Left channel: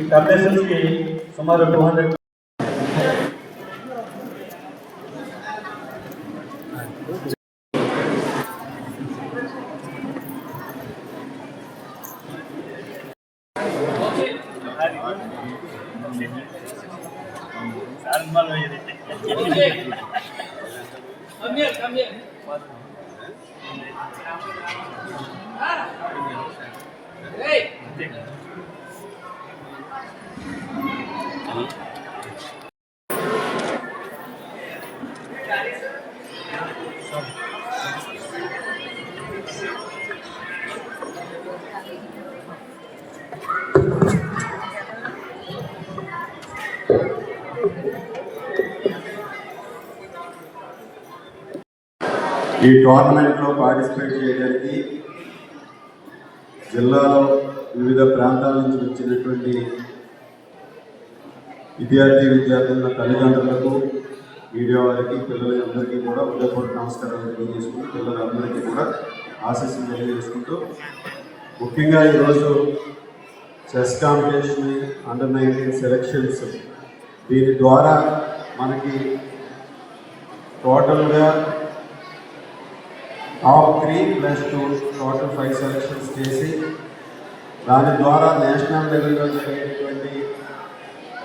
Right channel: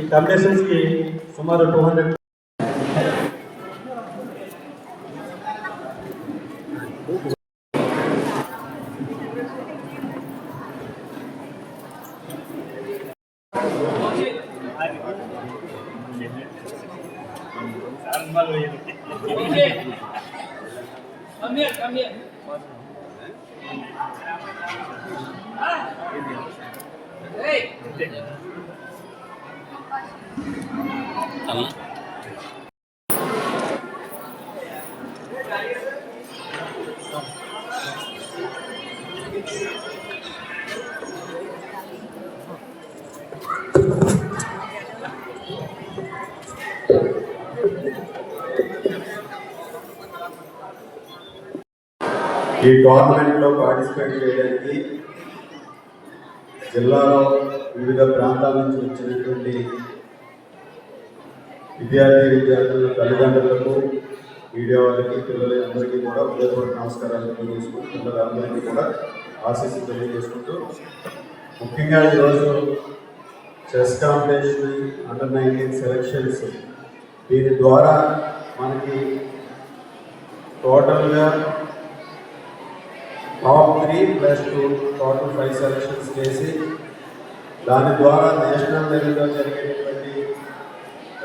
ఈ కంపెనీషన్స్కి సుమారు 200 ఈ టోర్నమెంట్లో పార్టిసిపేట్ చేయడానికి జిల్లాలో వివిధ ప్రాంతాల నుంచి వచ్చినటువంటి విద్యార్థుల తల్లిదండ్రులకు, మీడియా వారికి, పిల్లలందరికీ కూడా హృదయపూర్వక నమస్కారాలు తెలియజేసుకుంటూ, పిల్లలందరికీ కూడా ఆశీస్సులు తెలియజేసుకుంటూ, ముఖ్యంగా ఈరోజు చెస్ కాంపిటీషన్ అండర్ 19 సెలక్షన్స్, దీని ద్వారా మనకి టోటల్గా టాప్ 3+2 టోటల్ 5 సెలక్షన్స్ చేసి దాని ద్వారా నేషనల్ లెవెల్లో జరిగేటువంటి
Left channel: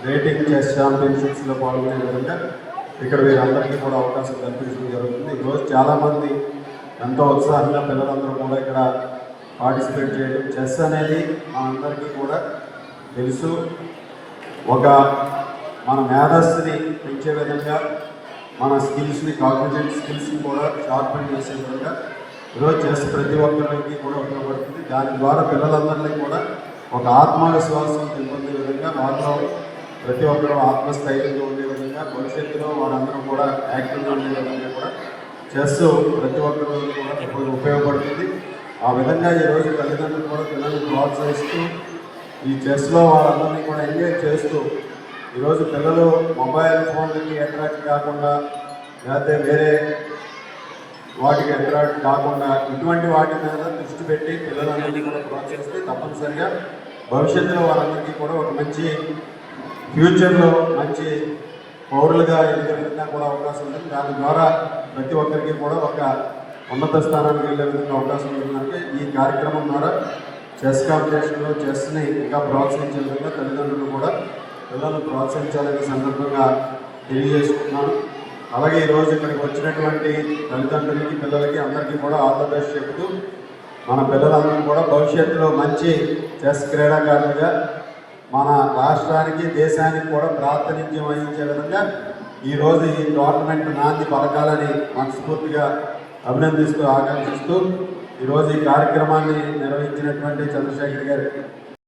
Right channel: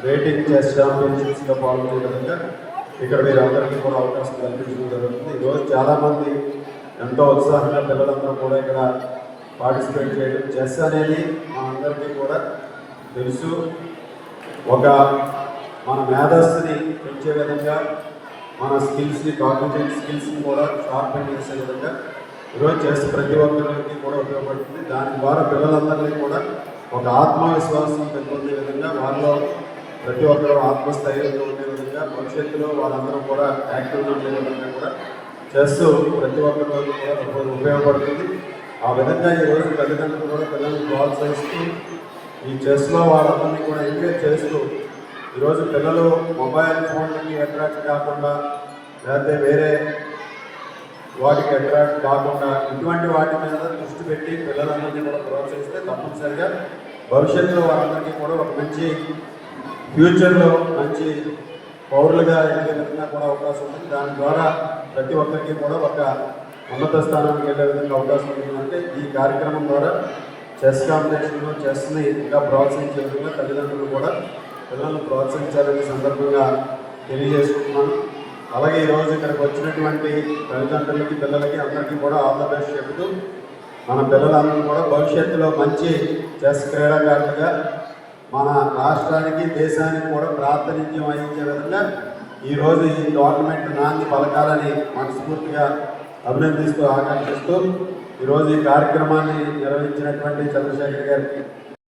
రేటింగ్ చెస్ ఛాంపియన్షిప్స్లో పాల్గొనే విధంగా ఇక్కడ మీరందరికీ కూడా అవకాశం కల్పించడం జరుగుతుంది. ఈరోజు చాలామంది ఎంతో ఉత్సాహంగా పిల్లలందరూ కూడా ఇక్కడ పార్టిసిపేట్ చేయడం. చెస్ అనేది మనందరికీ కూడా తెలుసు, ఒక మన మేధస్సుని పెంచే విధంగా, మన స్కిల్స్ని, కాగ్నిటివ్ స్కిల్స్ని కూడా షార్పెన్ చేసే విధంగా ఈరోజు చెస్ ప్రతి ఒక్కరికి కూడా ఉపయోగపడుతుంది. దాని ద్వారా పిల్లలందరినీ కూడా ఒక ఆత్మవిశ్వాసం పెంపొందే విధంగా, వారిలో ప్రతి ఒక్కరు ఆత్మస్థైర్యంగా ఉండే విధంగా, భవిష్యత్తులో వాళ్ళందరూ కూడా యాక్టివ్గా ఉండే విధంగా కూడా చెస్ ప్రతి ఒక్కరికి కూడా ఉపయోగపడుతుంది. ఆ విధంగా ఈరోజు తల్లిదండ్రులు కూడా పిల్లలను ప్రోత్సహిస్తూ ఈ చెస్లో వాళ్ళందరినీ కూడా ఎంగేజ్ చేస్తూ, ఈరోజు పిల్లలు మొబైల్ ఫోన్లకి అట్రాక్ట్ కాకుండా, లేకపోతే వేరే వాటికి అట్రాక్ట్ కాకుండా ఇటువంటి వాటి మీద దృష్టి పెట్టి పిల్లలందరికీ కూడా ప్రోత్సహిస్తే తప్పనిసరిగా భవిష్యత్తులో వాళ్ళందరికీ కూడా ఒక మంచి ఫ్యూచర్లో మంచి పౌరులుగా ఎదిగే విధంగా కూడా అవకాశం ఉంటుంది. దాని ద్వారా ప్రతి ఒక్కరికి కూడా ఒక ఉన్నత స్థానానికి వెళ్ళే విధంగా అవకాశం ఉంటుందంటే ఈ కార్యక్రమం ద్వారా చెస్ కాంపిటీషన్లో చెస్ని ఇంకా ప్రోత్సహించే విధంగా తల్లిదండ్రులు కూడా పిల్లలను ప్రోత్సహించాలనే సందర్భంగా తెలియజేసుకుంటున్నాను. అలాగే ఈరోజు ఇక్కడికి వచ్చినటువంటి తల్లిదండ్రులకి, పిల్లలకి అందరికీ కూడా ఆల్ ద బెస్ట్ చెబుతూ, మన పిల్లలందరూ కూడా భవిష్యత్తులో మంచి చెస్ క్రీడాకారులుగా మన రాష్ట్రానికి, దేశానికి కూడా ప్రాతినిధ్యం వహించే విధంగా ఈరోజు ఈ టోర్నమెంట్ నాంది పలకాలని మనస్ఫూర్తిగా అభినందిస్తూ, ఆకాంక్షిస్తూ ఈరోజు ఈ కార్యక్రమాన్ని నిర్వహించినటువంటి చంద్రశేఖర్ గారికి